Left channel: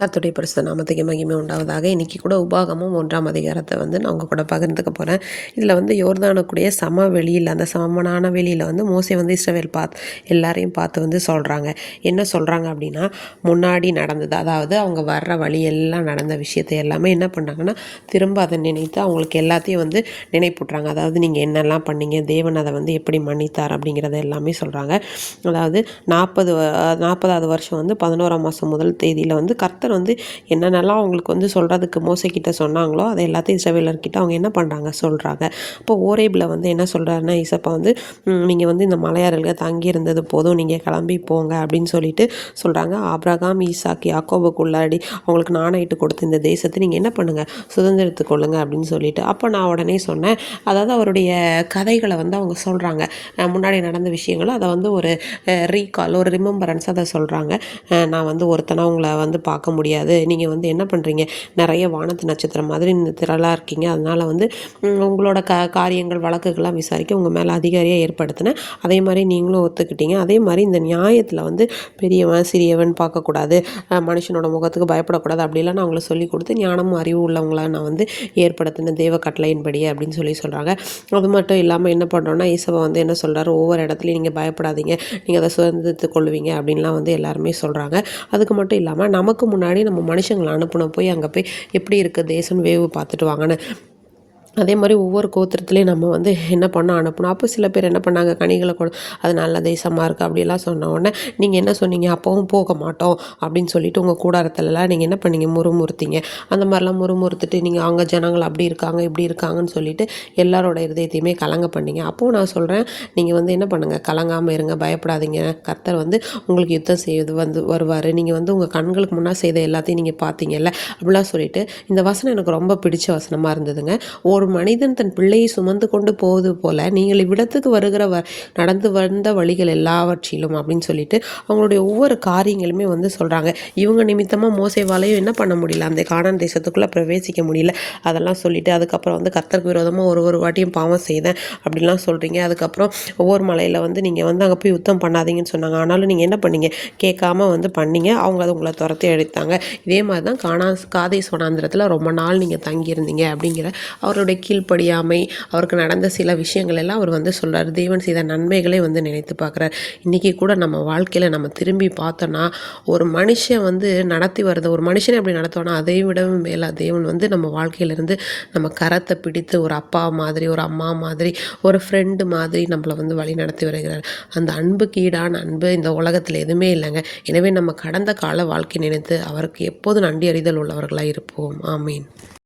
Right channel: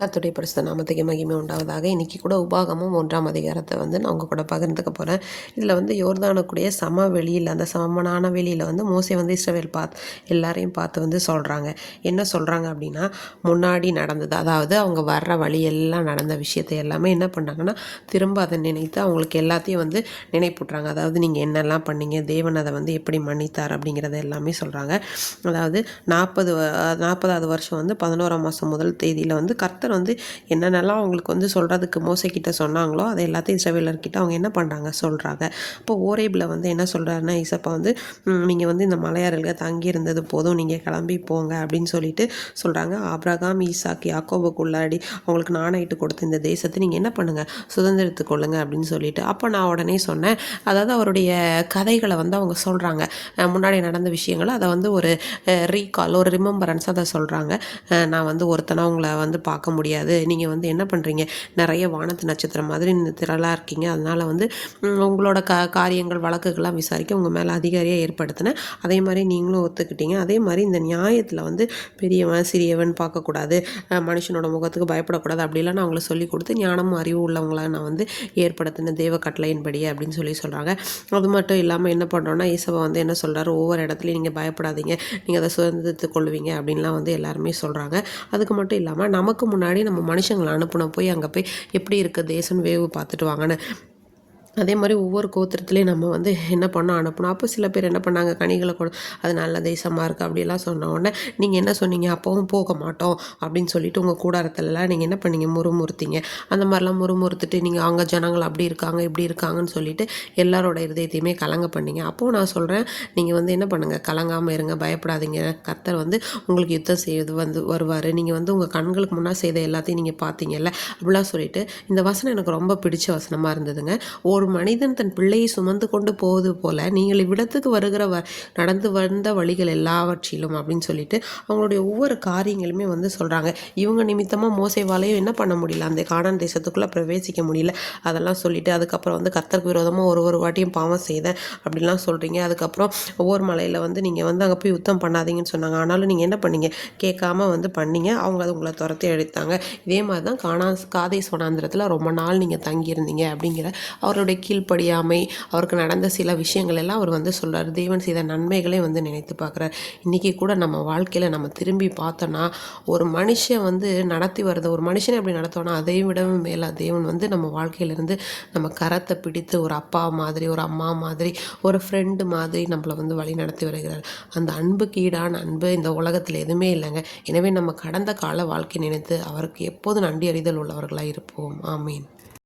கர்த்தருடைய பரிசுத்த நாமத்துக்கு மகிமை உண்டாவதாக. இன்றைக்கி கூட உபாகமம் 1ஆம் அதிகாரத்தை நான் உங்கள் கூட பகிர்ந்துக்க போகிறேன். இதில் யோர்தானுக்குடைய சமவெளியில், அந்த சமனான வெளியில் மோசே இஸ்ரவேல் எல்லாரையும் பார்த்து சொல்கிறாங்க. என்ன சொல்கிறாங்க அப்படின்னா, முன்னாடி நடந்தது, அதாவது அவங்க வர்ற வழியெல்லாம் நடந்த விஷயத்தை எல்லாமே என்ன பண்ணுறாங்கன்னா, திரும்ப அதை நினைத்து அவங்களுக்கு எல்லாத்தையும் நினைப்பூட்டுறாங்க. அதாவது நீங்கள் என்னெல்லாம் பண்ணீங்க, தேவன் அதை எப்படி மன்னித்தார் அப்படிங்கிறத எல்லாமே சொல்கிறாங்க. அதாவது 40வது வருஷம் 11ஆம் மாதம் முதல் தேதியில் கர்த்தர் என்னென்னலாம் அவங்களுக்கு சொல்கிறதுக்கு மோசைக்கிட்ட சொன்னாங்களோ அதை எல்லாத்தையும் இஸ்ரவேலர்கிட்ட அவங்க என்ன பண்ணுறாங்க சொல்கிறாங்க. அப்போ ஓரேபில் என்ன சொல்கிறாருன்னா, இசப்பா நீங்கள் இந்த மலையாறுகள் தங்கி இருந்தது போதும், நீங்கள் கிளம்பி போங்க அப்படின்னு சொல்லிட்டு சொல்கிறாங்க. ஆபிரகாம், ஈசாக்கு, யாக்கோபுக்குள்ளாடி அவங்களுக்கு நாணயிட்டு கொடுத்த இந்த தேசத்தை நீங்கள் என்ன பண்ணுங்கள், சுதந்திரத்து கொள்ளுங்க அப்படின்னு சொல்லிட்டு. அப்போ நான் உடனே சொன்னேன், அதாவது அவருடைய கதைகளை அவங்க சொல்கிறாங்க, முன்னாடி நடந்த விஷயங்களை அதை ஒரு ரீகால், ஒரு ரிமெம்பரன்ஸ் அதை சொல்கிறாங்க. நான் ஒருத்தனை உங்களை பார்க்க முடியாது, நீங்கள் என்ன பண்ணுறீங்க, நிறைய வானத்து நட்சத்திரம் மாதிரி திரளாக இருக்கீங்க, அதனால் உங்களோட காரியங்கள் வழக்குகள்லாம் விசாரிக்க உங்கள் மேலே அதிகாரியாக ஏற்படுத்தினேன், அதே மாதிரி நீங்களும் ஒத்துக்கிட்டீங்க. அதே மாதிரி இந்த நியாயத்தில் பெரியவன் சிறியவன் பார்க்கக்கூடாது, மனுஷனோட முகத்துக்கு பயப்படக்கூடாது, அப்படிலாம் நான் அவங்கள சொல்லி கொடுத்து ஞானமும் அறிவு உள்ளவங்கள நான் ஏற்படுத்தின தேவ கட்டளையின்படி அப்படின்னு சொல்கிறாங்க. அது மட்டும் இல்லாமல் என்ன பண்ணுறோன்னா, ஈசவா என்ன சொல்கிறாரு, ஒவ்வொரு இடத்துலையும் நீங்கள் பயப்படாதீங்க, நீங்கள் அதை சுதந்திரத்து கொள்வீங்க அப்படின்லாம் எல்லாருமே சொல்கிறாங்க. அதுக்கு மட்டும் இல்லாமல் நமக்கு முன்னாடி நம்ம மனுஷங்களை அனுப்பின போய் அங்கே போய் எப்படி இருக்குது தேசம்னு வேவு பார்த்துட்டு வாங்கன்னு, அதே மாதிரி ஒவ்வொரு கோத்திரத்துலேயும் நம்ம என்ன பண்ண அனுப்பணும். அப்போ சில பேர் என்ன பண்ணாங்க, கனிகளை கொடு, அது நல்ல தேசமாக இருக்குது அப்படிலாம் சொன்ன உடனே நீங்கள் என்ன சொன்னீங்க, அப்போவும் போக மாட்டோம் அப்படின்னு சொல்லிட்டு உங்கள் கூடாரத்துலலாம் நீங்கள் என்ன பண்ணீங்க, முறுமுறுத்தீங்க. அந்த மாதிரிலாம் முறுமுறுத்துட்டு நீங்கள் அங்கே ஜனங்கள் அப்படி இருக்காங்க இப்படி இருக்காங்கன்னு சொல்லிட்டு எல்லாரோட இருதயத்தையுமே கலங்க பண்ணீங்க. அப்போது நான் சொல்கிறேன், நீங்கள் என்ன பண்ணுங்கள், கலங்காமல் இருங்க, பயப்படாதீங்க, கர்த்தர் உங்களுக்கு யுத்தம் செய்வது வருவார், நீங்கள் உங்கள் கண்களுக்கு முன்னாடி செய்த எல்லாத்தையும் நீங்கள் பார்த்தீங்கல்ல அப்படிலாம் சொல்லிட்டு. இந்த வசனம் எனக்கு ரொம்ப பிடிச்ச வசனமாக இருந்ததுங்க. ஒரு மனிதன் தன் பிள்ளையை சுமந்து கொண்டு போவது போல நீங்கள் இவ்விடத்துக்கு வருகிற நடந்து வந்த வழிகள் எல்லாவற்றிலும் அப்படின்னு சொல்லிட்டு அவங்களுடைய ஒவ்வொரு காரியங்களுமே சொல்கிறாங்க. இவங்க நிமித்தமாக மோசேவாலையும் என்ன பண்ண முடியல, அந்த கானான் தேசத்துக்குள்ளே பிரவேசிக்க முடியல, அதெல்லாம் சொல்லிட்டு அதுக்கப்புறம் கர்த்தருக்கு விரோதமாக ஒரு வாட்டியும் பாவம் செய்தேன் அப்படின்லாம் சொல்கிறீங்க. அதுக்கப்புறம் ஒவ்வொரு மலையில் நீங்கள் அங்கே போய் யுத்தம் பண்ணாதீங்கன்னு சொன்னாங்க, ஆனாலும் நீங்கள் என்ன பண்ணீங்க, கேட்காம பண்ணீங்க, அவங்க அதை உங்களை துரத்தி எடுத்தாங்க. இதே மாதிரி தான் காதேஸ் வனாந்திரத்தில் ரொம்ப நாள் நீங்கள் தங்கியிருந்தீங்க அப்படிங்கிற அவருடைய கீழ்ப்படியாமை, அவருக்கு நடந்த சில விஷயங்கள் எல்லாம் அவர் சொல்கிறார். தேவன் செய்த நன்மைகளை நினைத்து பார்க்குறார். இன்றைக்கி கூட நம்ம வாழ்க்கையில் நம்ம திரும்பி பார்த்தோன்னா, ஒரு மனுஷன் நடத்தி வருது, ஒரு மனுஷனை எப்படி நடத்தோன்னா அதை விடவும் மேலே தேவன் நம்ம வாழ்க்கையிலேருந்து நம்ம கரத்தை பிடித்து ஒரு அப்பா மாதிரி, ஒரு அம்மா மாதிரி, ஒரு ஃப்ரெண்டு மாதிரி நம்மளை வழி நடத்தி வருகிறார். அந்த அன்புக்கு ஈடான அன்பு இந்த உலகத்தில் எதுவுமே இல்லைங்க. எனவே நம்ம கடந்த கால வாழ்க்கை நினைத்து அவருக்கு எப்போதும் நன்றி அறிதல் உள்ளவர்களாக இருப்போம். ஆமீன்.